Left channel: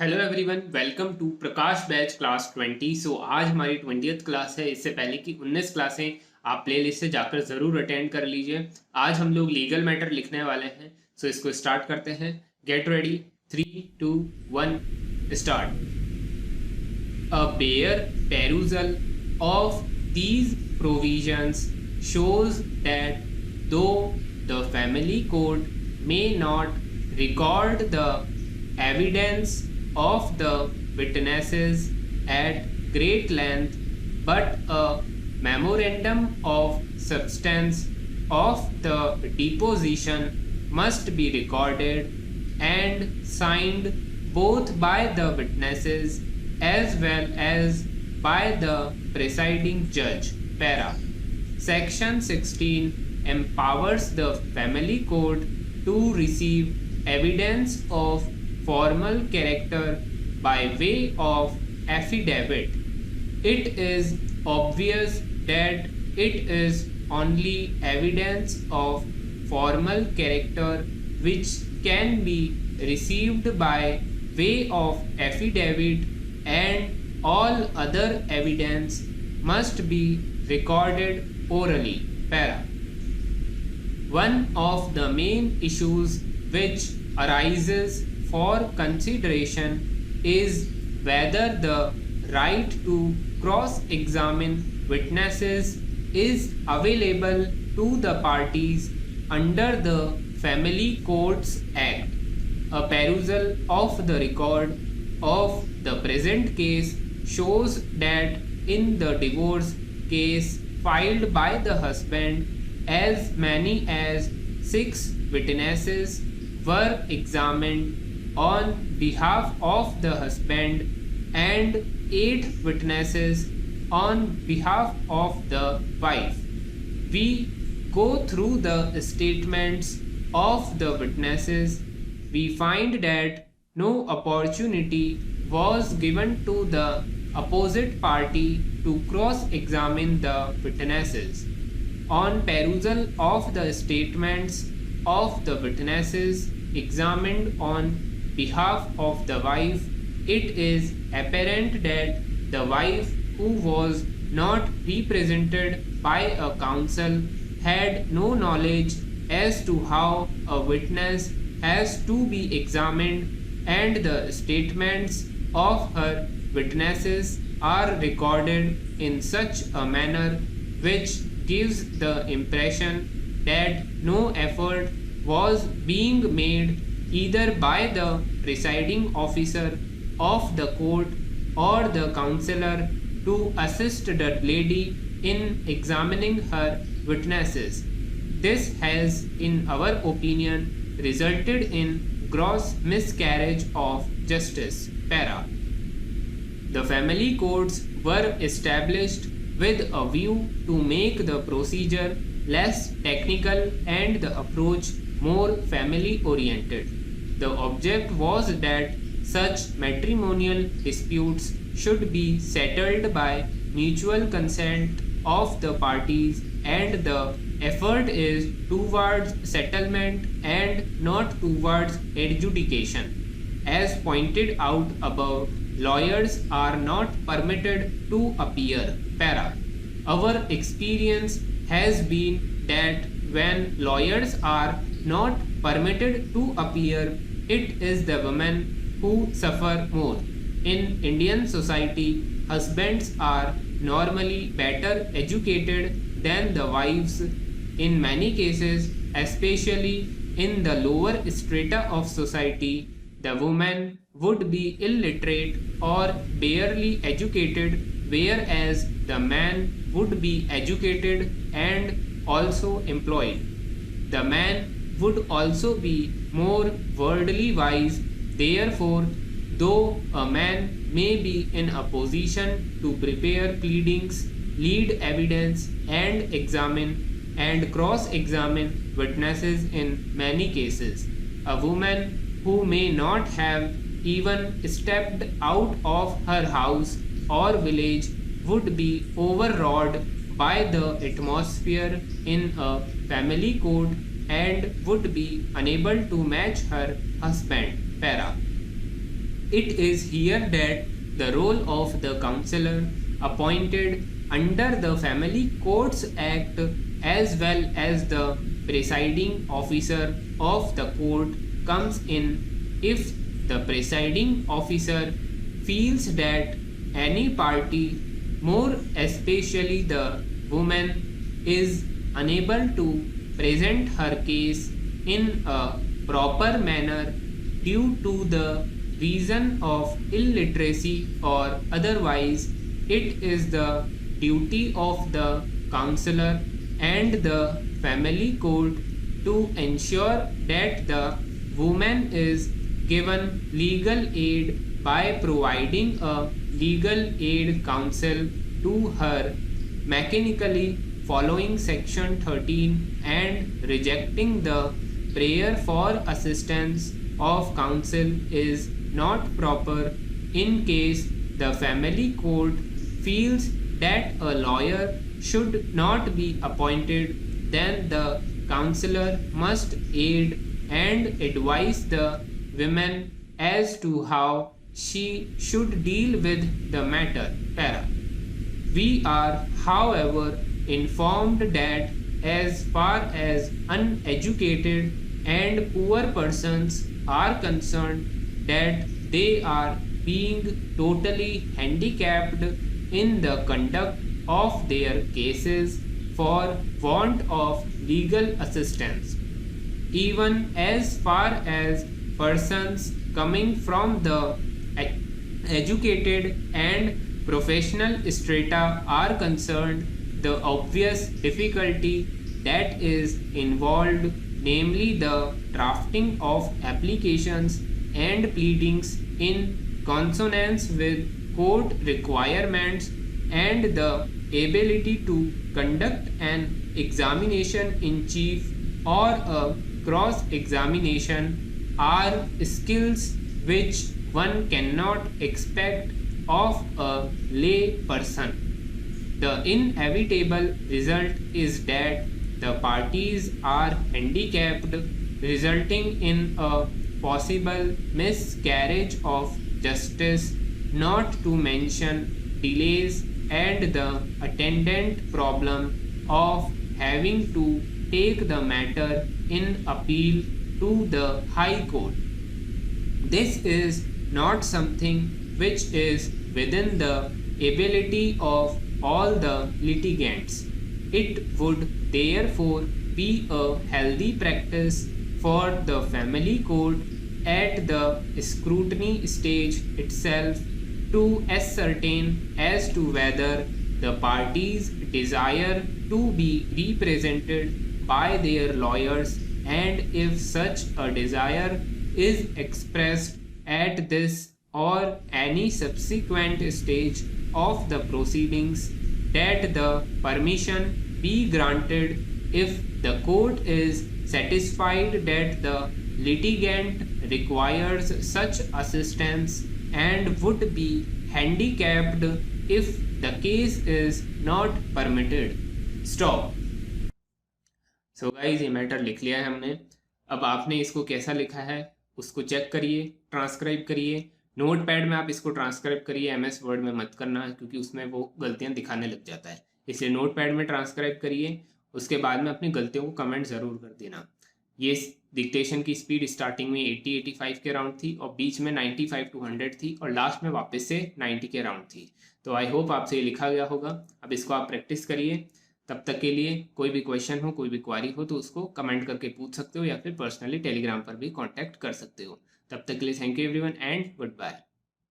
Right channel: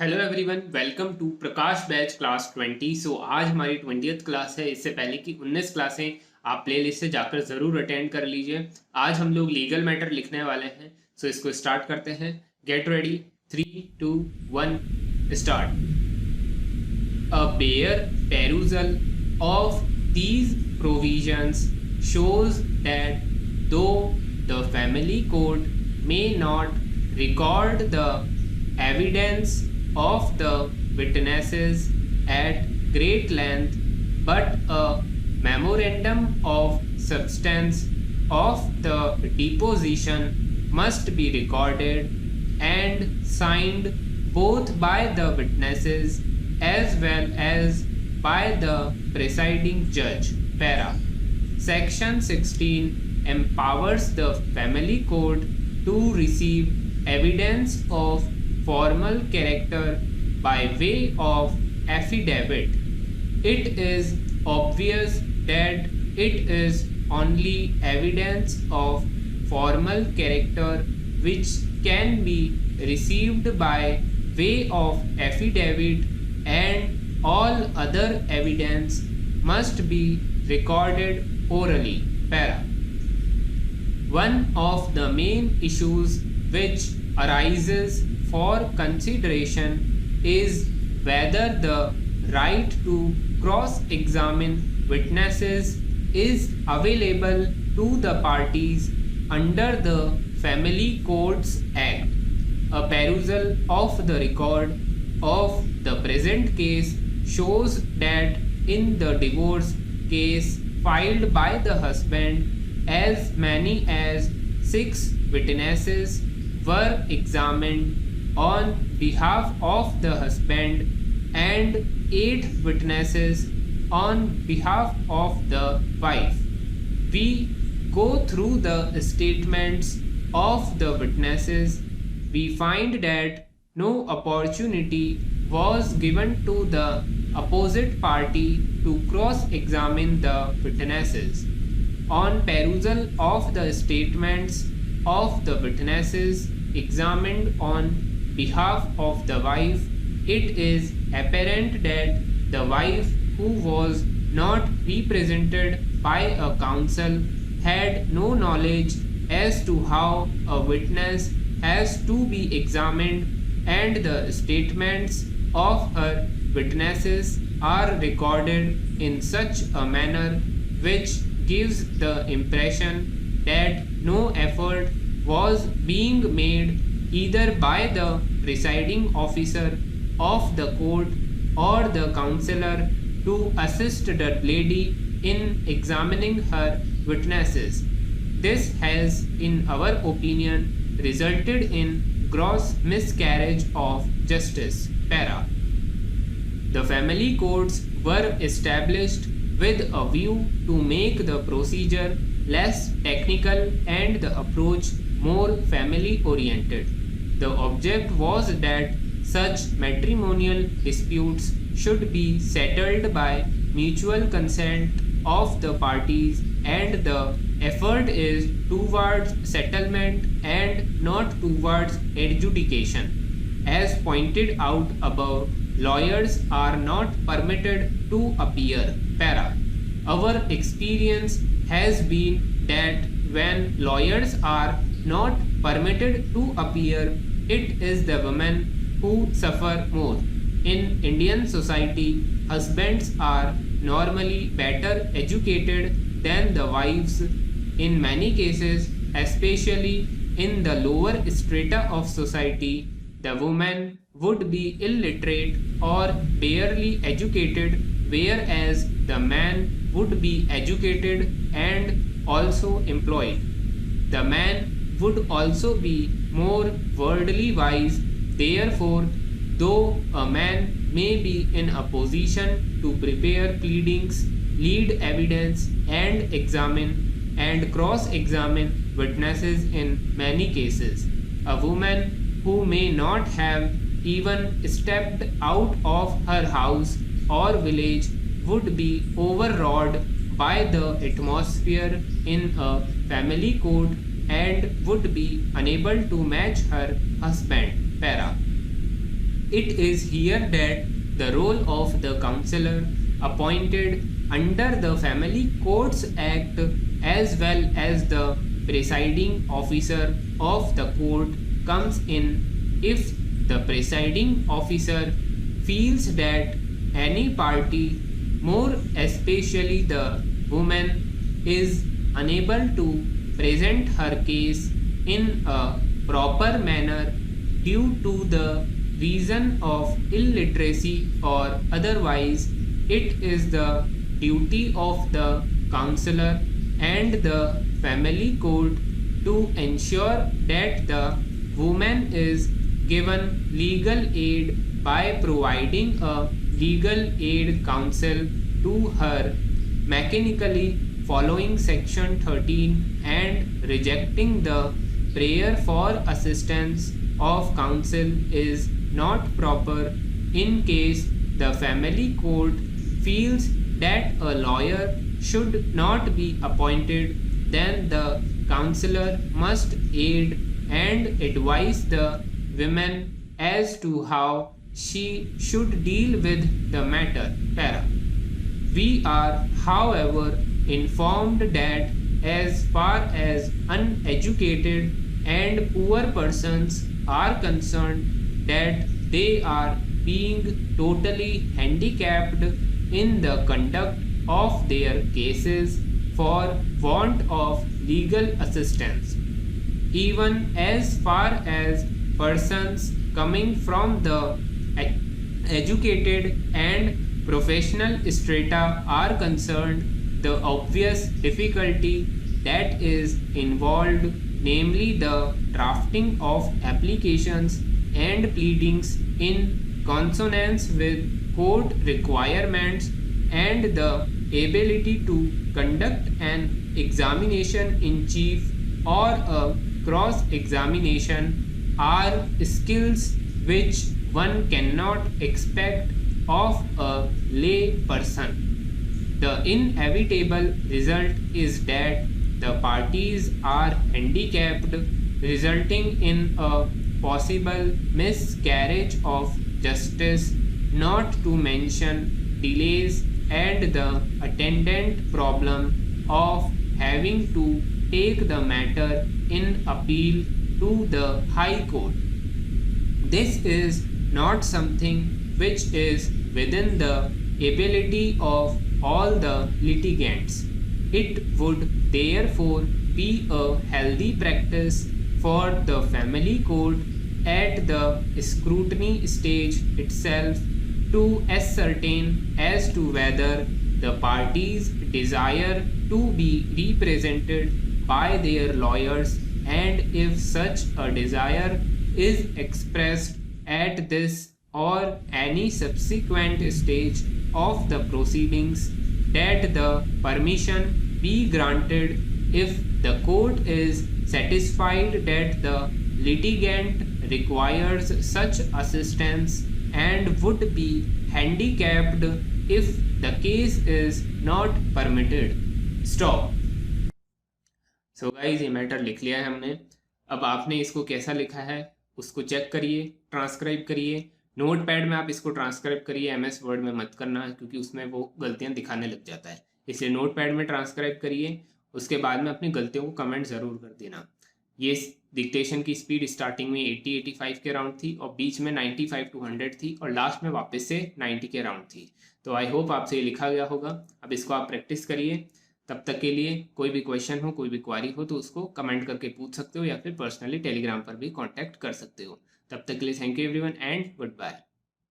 Hello everyone, welcome to Prakash batch class 20। आज हमारी 20th class है। इससे पहले की 19 क्लासें आप प्लेलिस्ट से जाकर ज़रूर अटेंड कर लीजिए। आज हम लोग लीगल मैटर लिखने वाले हैं। इसको स्टार्ट करते हैं। Get ready, 3, 2, 1, start. A bare perusal of these provisions shows that though the family code may not record the evidence of the witnesses at great length, but a memorandum of substance of the deposition must be recorded and signed both by the witnesses as well as by the presiding judge. Para. Section 16 empowers the family court to receive evidence of formal character by way of affidavit. It is obvious that it is only evidence of formal character which can be received by way of affidavit, and all other evidence must be recorded orally. Para. One of the main issues which arises for consideration is whether the right to cross-examine witnesses is available to the parties under the Family Courts Act. A perusal of the record of the present case shows that in the divorce case filed by the husband, as many as 6 witnesses were examined on behalf of the husband and 8 witnesses on behalf of the wife. We go through the statements of the witnesses. We find that no opportunity was given to the opposite party to cross-examine the witnesses. On perusal of the statements of the witnesses examined on behalf of the wife, it is apparent that the wife, who was not represented by a counsel, had no knowledge as to how a witness has to be examined, and the statements of her witnesses are recorded in such a manner which gives the impression that no effort was being made either by the presiding officer of the court or the counselor to assist the lady in examining her witnesses. This has, in our opinion, resulted in gross miscarriage of justice. Para. The family courts were established with a view to make the procedure less technical and the approach more family oriented. The object was that such matrimonial disputes should be settled by mutual consent of the parties, and the effort is towards settlement and not towards adjudication. As pointed out above, lawyers are not permitted to appear. Para. Our experience has been that when lawyers are not permitted to appear, it is the women who suffer more. In Indian society, husbands are normally better educated than the wives. In many cases, especially in the lower strata of society, the woman would be illiterate or barely educated, whereas the man would be educated and also employed. The man would also be more worldly wise. Therefore, though a man may be in a position to prepare pleadings, lead evidence, and examine and cross-examine witnesses in many cases, a woman who may not have even stepped out of her house or village would be overawed by the atmosphere in a family court and would be unable to match her husband. Para. It is here that the role of the counselor appointed under the Family Courts Act as well as the presiding officer of the court comes in if the presiding officer feels that any party, more especially the woman, is unable to present her case in a proper manner due to the reason of illiteracy or otherwise, it is the duty of the counselor and the family court to ensure that the woman is given legal aid by providing a legal aid counsel to her mechanically following section 13 and rejecting the prayer for assistance of counsel is not proper in case the family court feels that a lawyer should not be appointed, then the counselor must aid and advise the women as to how she should deal with the matter. Para. We are, however, informed that as far as uneducated and poor persons are concerned, that they are being totally handicapped in the conduct of their cases for want of legal assistance. Even as far as persons coming from the educated and professional strata are concerned, the obvious difficulty that is involved, namely the drafting of applications and pleadings in consonance with court requirements and the ability to conduct an examination in chief or a cross examination are skills which one cannot expect of a lay person. The inevitable result is that the parties are handicapped, resulting in a possible miscarriage of justice, not to mention delays and the attendant problem of having to take the matter in appeal to the High Court. This is not something which is within the ability of all the litigants. It would therefore be a healthy practice for the family court at the scrutiny stage itself to ascertain as to whether the parties desire to be represented by their lawyers, and if such a desire is expressed at this or any subsequent stage of the proceedings, that the permission be granted if the court is satisfied that the litigant requires such assistance and would be handicapped if the case is not permitted. Stop. So guys ये matter लिख लिया है हमने. अब आपने इसको कैसा लिखा है उसको चेक करिए, ट्रांसक्राइब करिए. नोट पैड में आप इसको ट्रांसक्राइब करिए, एमएस वर्ड में मत करना क्योंकि उसमें वो गलतियां दिखाने लग जाता है. इसलिए नोट पैड में ट्रांसक्राइब करिए, उसके बाद में अपनी गलतियों को कमेंट ज़रूर कर देना. ये डिक्टेशन की स्पीड स्टार्टिंग में 80-85 के राउंड थी और बीच में 95 to 100 थी और लास्ट में वापस से 90 के राउंड थी. तो आई होप आपसे ये लिखा गया होगा. अब इसको आप प्रैक्टिस करिए. तब तक के लिए कोई भी क्वेश्चन हो, कोई भी क्वारी हो तो उसको कमेंट करके पूछ सकते हो या फिर पर्सनली टेलीग्राम पर भी कांटेक्ट कर सकते हो. तब तक के लिए thank you everyone and good bye.